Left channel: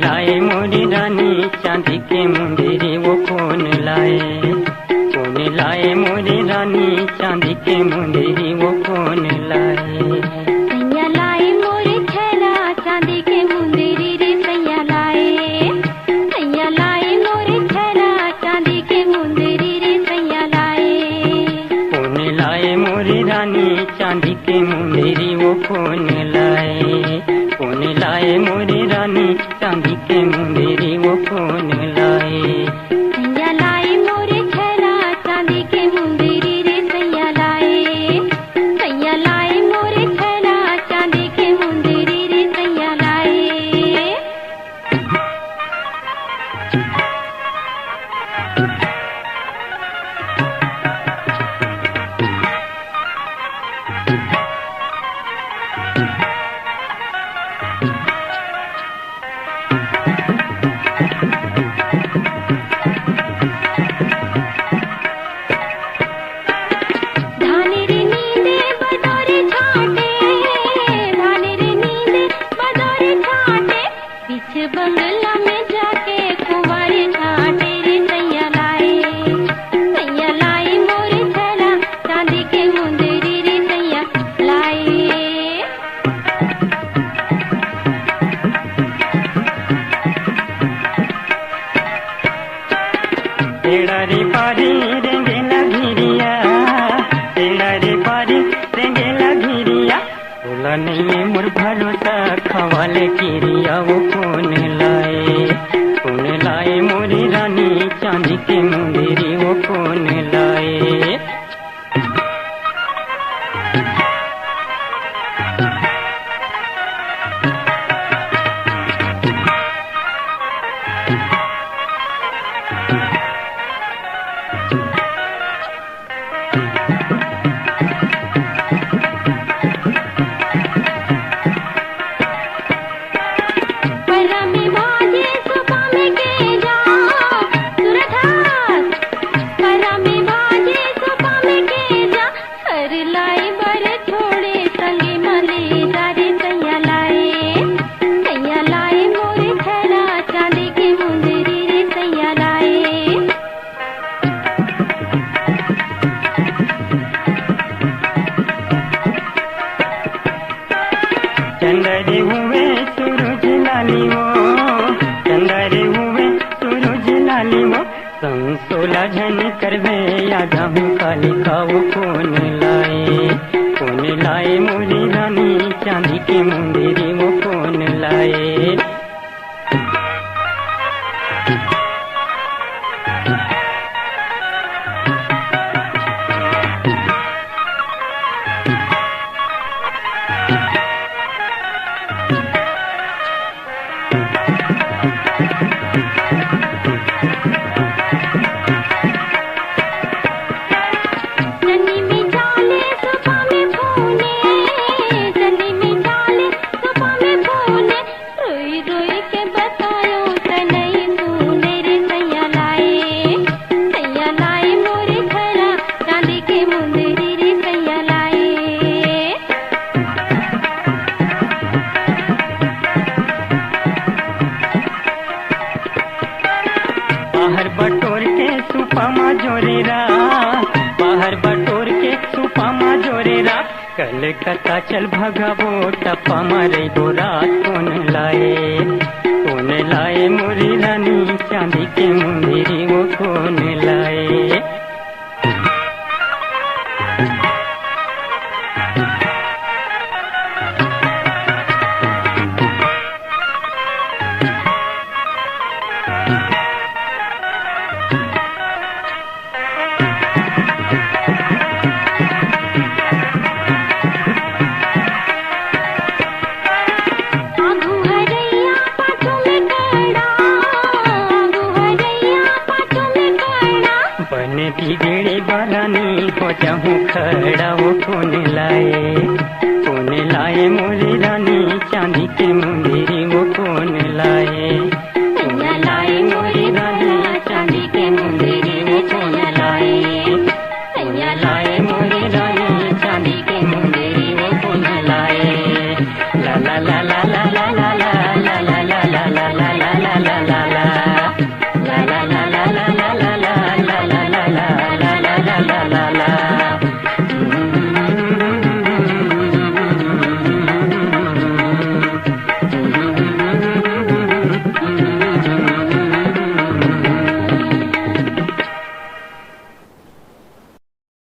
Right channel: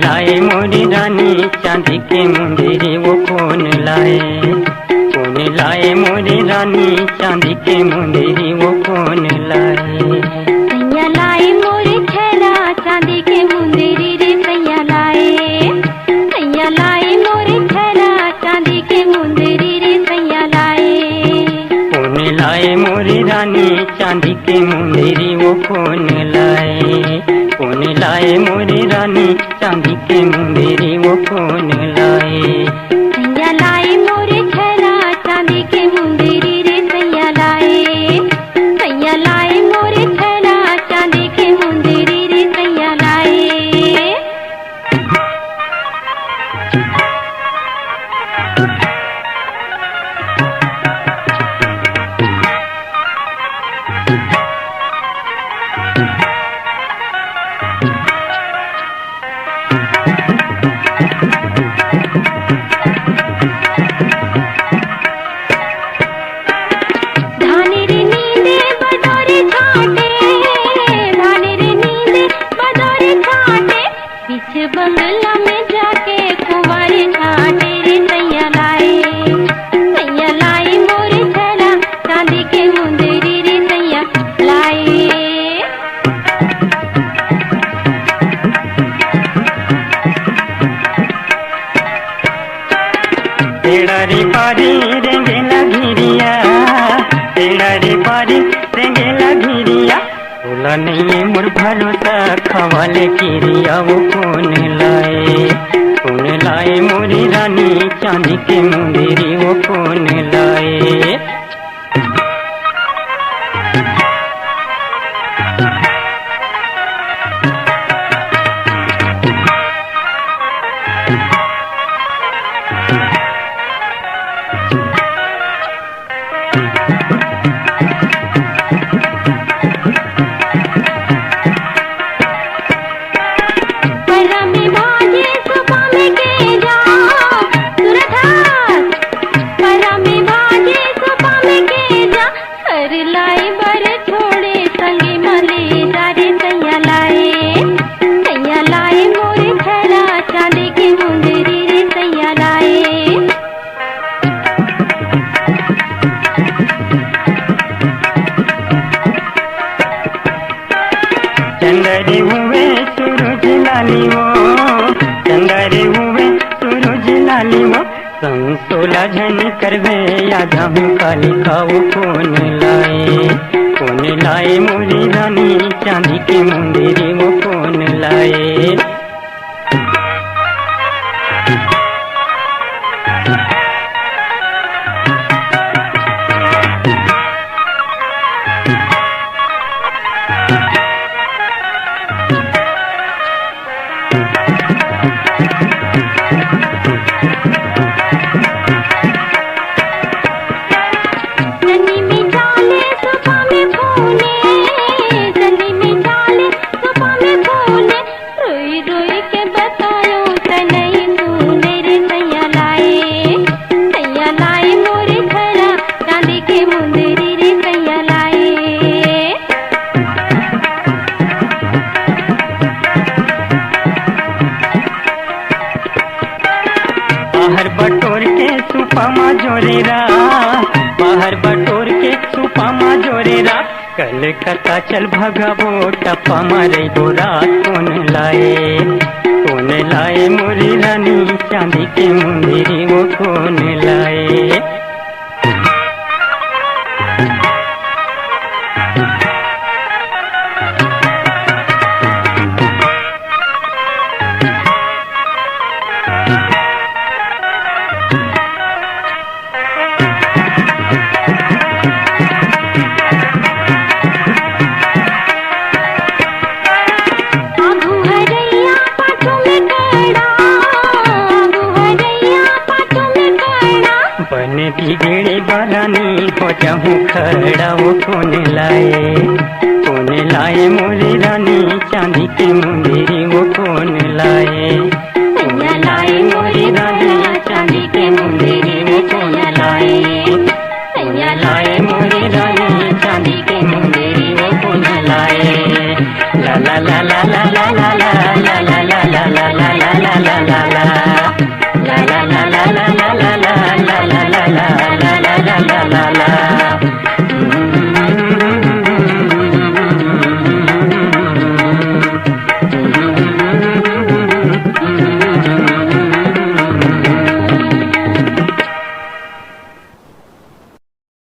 लाए मोरी रानी चांदी के मुंदरी वो कौन लाए, कौन लाए मोरी रानी चांदी के मुंदरी वो कौन लाए। सैया लाए मोरे छेला चांदी के मुंदरी रे सैया लाए, सैया लाए मोरे छेला चांदी के मुंदरी रे सैया लाए। कौन लाए मोरी रानी चांदी के मुंदरी वो कौन लाए, कौन लाए मोरी रानी चांदी के मुंदरी वो कौन लाए। सैया लाए मोरे छेला चांदी के मुंदरी रे सैया लाए, सैया लाए मोरे छेला चांदी के मुंदरी रे सैया लाए। धाने रे नींदे बदोरे छाटे, धाने रे नींदे बदोरे छाटे, बीच बंगला में जाके कुंवारे छाटे रे सैया लाए, सैया लाए मोरे छेला चांदी के मुंदरी रे सैया लाए। तेरा रे पारी रेंगेला घिरिया, तेरा रे पारी रेंगेला घिरिया, बोला नहीं मोर भरोसा खवाले किरिया वो कौन लाए, कौन लाए मोरी रानी चांदी के मुंदरी वो कौन लाए। परा में बाजे सुबह में के जा सुरधार, परा में बाजे सुबह में के जा, हर लाई बर छोड़े संगे मले जारे सैया लाए, सैया लाए मोरे छेला चांदी के मुंदरी रे सैया लाए। चंदरे हुए सूरज लाली वो, चंदरे हुए सूरज लाली वो, संग सोला झन करवे आधा हूँ काली खाऊ कौन लाए, कौन लाए मोरी रानी चांदी के मुंदरी वो कौन लाए। जनी में डाले सुबह में फूले, जनी में डाले सुबह में फूले, रोई रोई के बतायो तनई तूने रे सैया लाए, सैया लाए मोरे छेला चांदी के मुंदरी रे सैया लाए। बाहर बटोर के सुपामा जोरेरा, बाहर बटोर के सुपामा जोरेरा, कलकत्ता चल भगावो टप्पा मारे बोरा कौन लाए, कौन लाए मोरी रानी चांदी के मुंदरी वो कौन लाए। आगू हरैया पाछू में कड़ा, आगू हरैया पाछू में कड़ा, बन बिगड़े बालानी हो जाऊँ खड़ा लंगड़ा वो कौन लाए मोरी रानी चांदी के मुंदेरी।